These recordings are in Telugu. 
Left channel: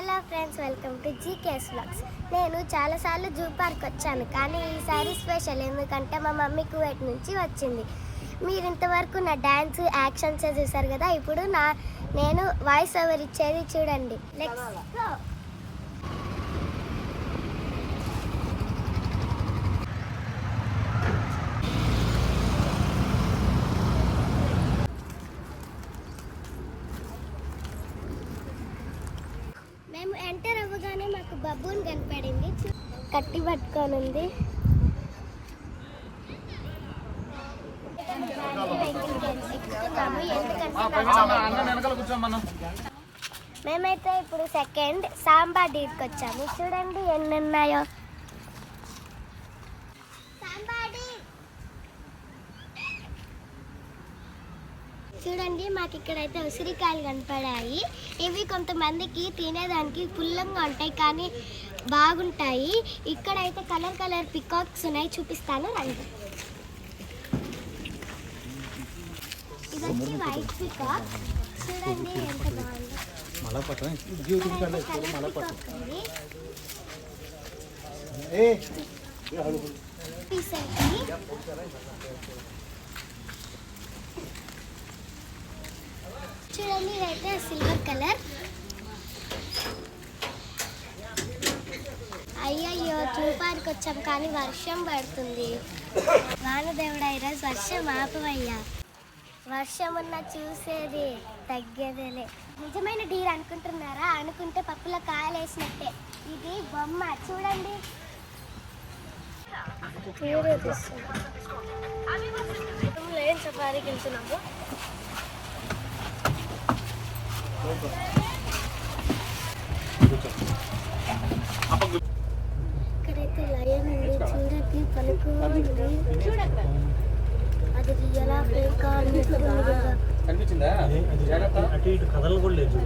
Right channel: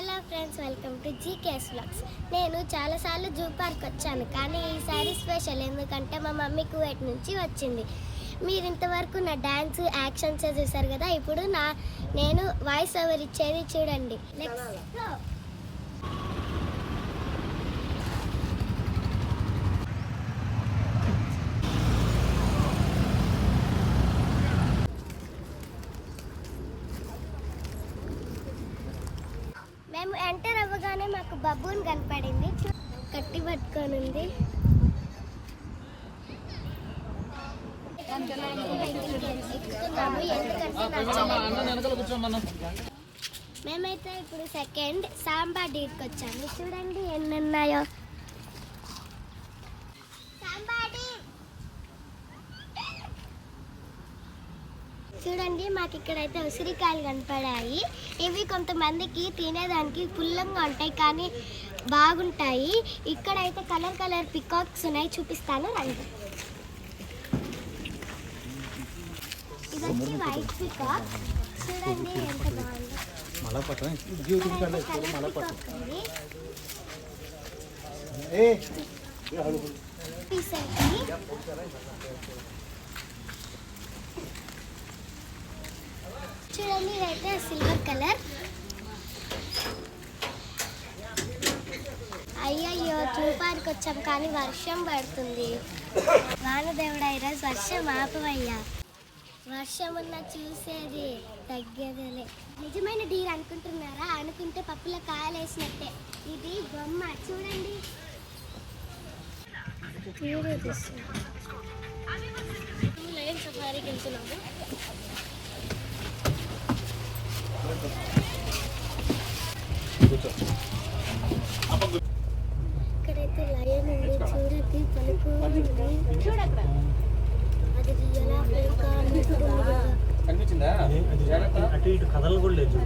Hello friends, welcome to GKS vlogs. నేను చాలాసార్లు జూ పార్క్ వచ్చాను, కానీ ఈసారి స్పెషల్. ఎందుకంటే మా మమ్మీ కువైట్ నుంచి వచ్చింది. మీరు ఇంతవరకు నా డ్యాన్స్ యాక్షన్స్ చూసారు కదా, ఇప్పుడు నేను వాయిస్ ఓవర్ ఇచ్చేది చూడండి. Let's go. మేము ఎంటర్ అవ్వగానే మాకు బబ్బూన్ కనపడింది. కట్టి పట్టుకొని ఉంది. మేమైతే ఇప్పుడు సెకండ్ సాంబా డీడ్కి వచ్చాము. చూడండి ఎన్ని ఉన్నాయో. చూడండి, మాకు ఇక్కడైతే ఉసిరికాయలు కనపడాయి. ఇవి కొంతమందికి తినేదానికి పుల్లంగా ఉంటాయి, కానీ బాగుంటాయి. ఇక్కడైతే కలర్ కలర్ పికాక్స్ ఉన్నాయి, చూపిస్తాను రండి. ఇది వచ్చి వైట్ పికాక్. చూడండి ఎంత బాగుంది. చూడండి, ఇదైతే సిల్వర్ కలర్. అయ్యయ్యో, చూపానికి వచ్చాం కానీ వర్షం పడుతుంది. వానదేవుడా, ఈరోజు వర్షం ఆపవయ్యా. వర్షం ఉన్న చూసేది తగ్గేదేలే. నిజమైన డీర్ అనుకుంటున్నారా? అనుకుంటే పప్పులో కాయలు వేసినట్టే. ఇది బొమ్మ చూడండి. ఏం సఫారీకి వెళ్తున్నాము. ఇక్కడైతే లయన్ ఉంది, చూడకి పలుకు ఉంది. అది ఎలా ఫేక్ కథలు కూడా లేదు.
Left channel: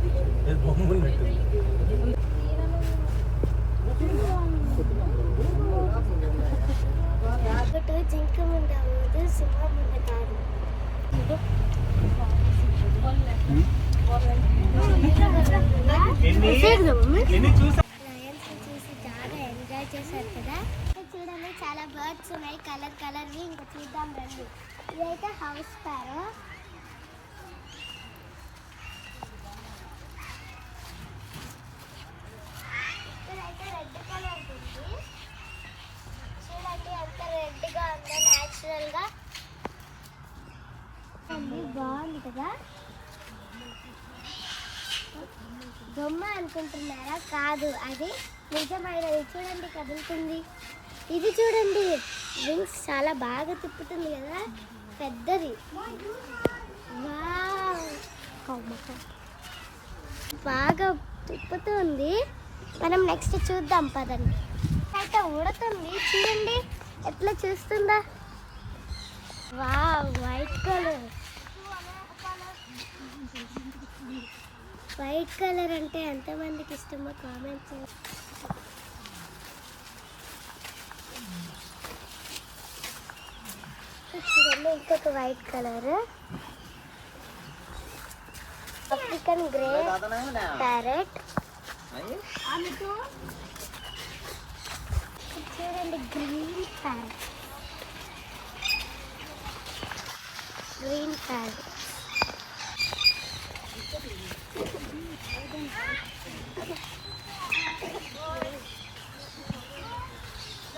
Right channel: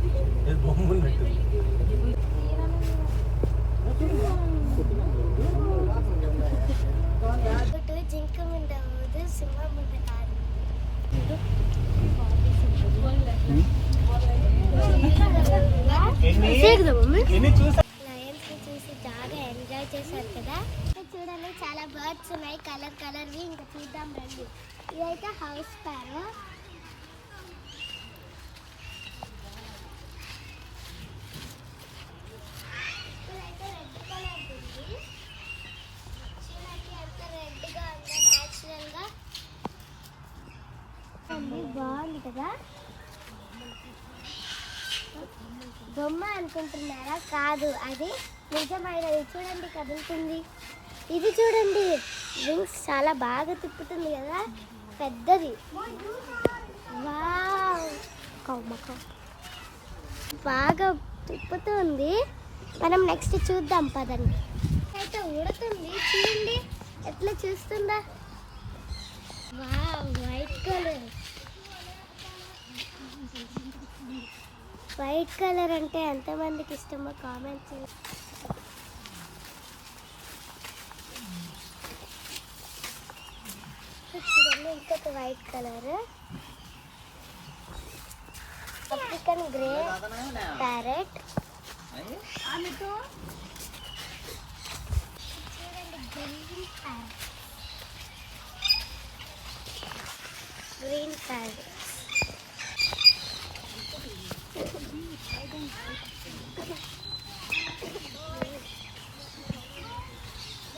ఒకటి జింక ముందు అవ్వదు, సింహం ముందు కాదు. లయన్స్ చూసి చాలా ఎంజాయ్ చేశారు కదా. చూడండి, చాలా బర్డ్స్ ఉన్నాయి, కలర్ కలర్వి. ఇంకా చూద్దాం రండి. ఇదైతే హౌస్ స్పారో. ఇదైతే రెడ్ కలర్ ఉంది. చూడండి ఎంత రెడ్గా ఉందో న్యాచురల్గా. బాగుంది కదా. బొమ్మ అనుకుంటున్నారా? కాదు, అది నిజమైనది. చూడండి కదులుతుంది. ఇది చూడండి, వింగ్స్ చాలా బాగా తిప్పుతుంది కదా, పెద్దది. వావ్, బాగా తిప్పుతుంది. మనం నెక్స్ట్ చూద్దాం పదండి. అయితే ఉడుతుంది, చూడండి ఎట్లా చూస్తుందా. Wow, white colour. White colour అంటే ఎంతమందికి ఇష్టమో కామెంట్ చేయండి. చూడండి, ఇంకొక white colour. African grey parrot. చూడండి, గ్రీన్ ప్యారెట్. Green parrot.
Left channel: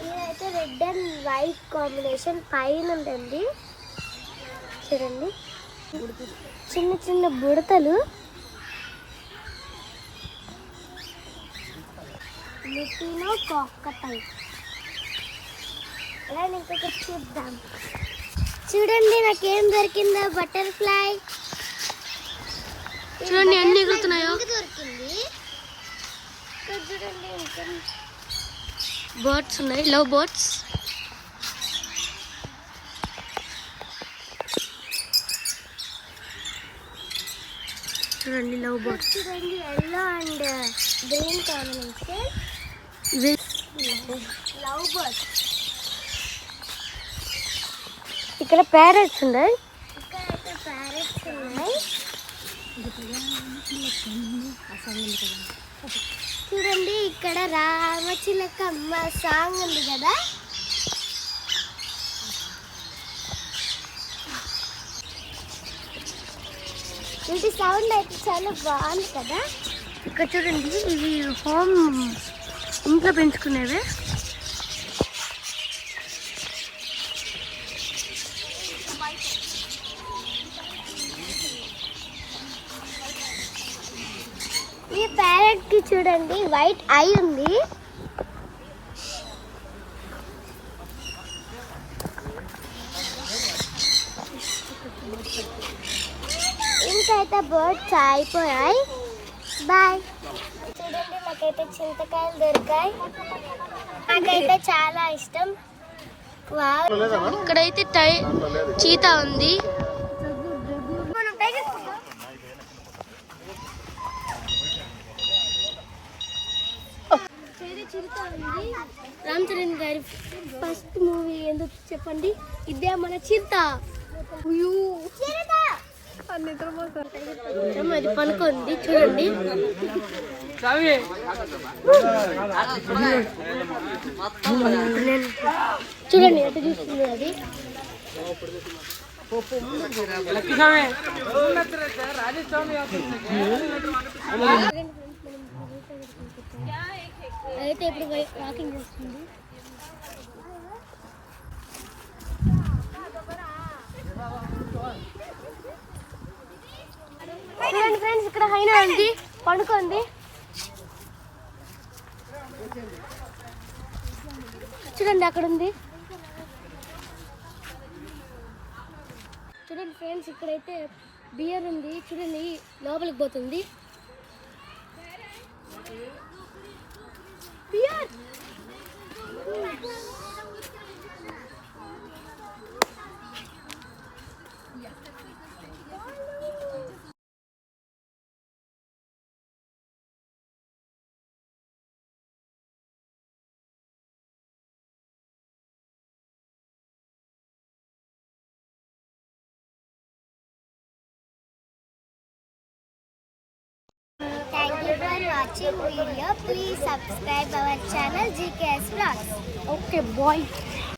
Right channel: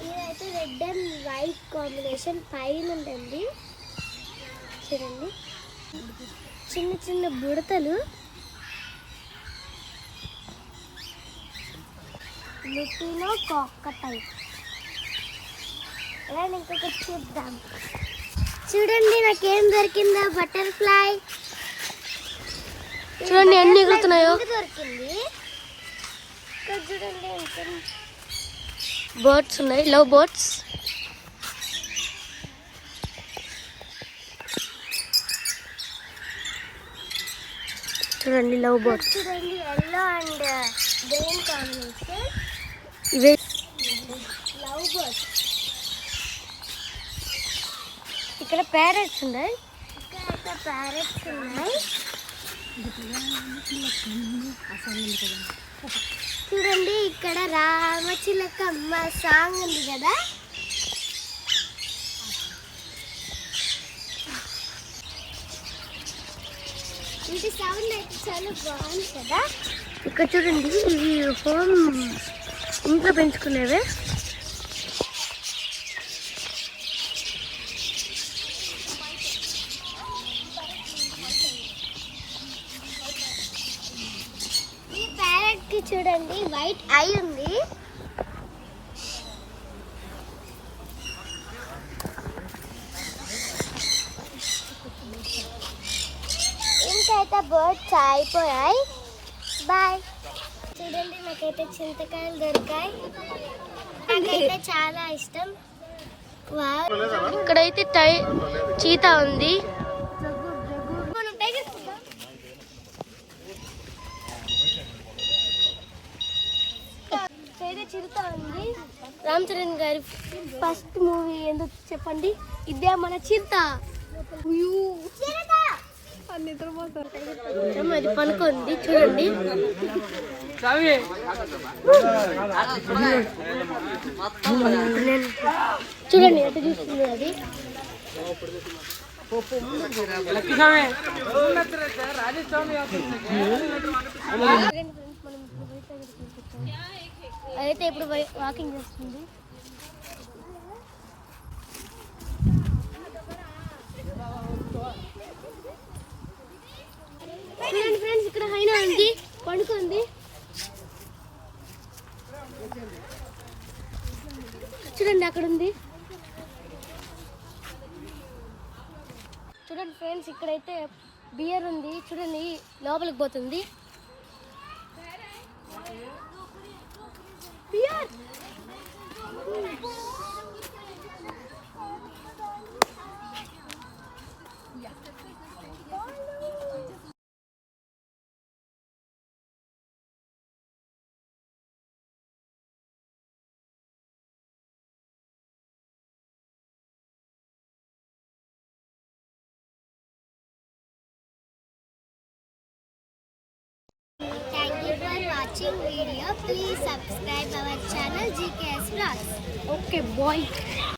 ఇదైతే రెడ్ అండ్ వైట్ కాంబినేషన్ పైన ఉందండి. చూడండి, చిన్న చిన్న బుడతలు. మిట్టిలో కాకటాయి. ఇంకొకటి చూద్దాం. చూడండి, నాకేం దొరికిందో. బటర్ఫ్లై. చూడండి ఎన్ని ఎగురుతున్నాయో. బర్డ్స్ ఉన్నాయి, లవ్ బర్డ్స్. చూడండి లవ్ బర్డ్స్. చూడండి, ఎల్లో అండ్ గ్రీన్ కాంబినేషన్. ఇవే లవ్ బర్డ్స్. ఇక్కడ ప్యారెట్స్ ఉన్నాయి. ఇక్కడైతే ప్యారెట్స్ ఉన్నాయి. చూడండి ఇక్కడ రామచిలకమ్మ సాంగ్ ఉంది కదా. ఇంటి సౌండ్ అయితే చాలా బాగుంది కదా. ఇక్కడ చూడండి, ఇవి హోమ్ ఇంట్లో పెంచుకునేవే. ఈ ప్యారెట్ కి చూడండి వైట్ ఐ ఉంది. ఇంకైతే బర్డ్స్ అయిపోయాయి. బాయ్. చూడండి నాకైతే చింతకాయలు దొరికాయి. నాకైతే చాలా ఇష్టం. వావ్. ఇక్కడైతే చీతా ఉంది. మనం టైగర్ చూద్దాం. ఇక్కడైతే చిరుత ఉంది. రామ్ చరణ్ గారి ఫస్ట్ మూవీ ఎందుకు చెప్పండి? ఇదే మన చిరుత. అది పనుకుంది చూడండి. చూడండి ఎట్లా చూస్తుంది అది. అయితే ఇప్పుడు వాకింగ్ చేస్తుంది. చూడండి ఫ్రెండ్స్, ఇక్కడ హైనా ఉంది, పండుకుంది. చూడండి అక్కడ ఉంది. చూడండి ఫ్రెండ్స్, ఇక్కడైతే బియర్ ఉంది. చూడండి లోపలికి పోతుంది beer. Thank you for watching video. Please subscribe our channel GKS Vlogs. Okay bye.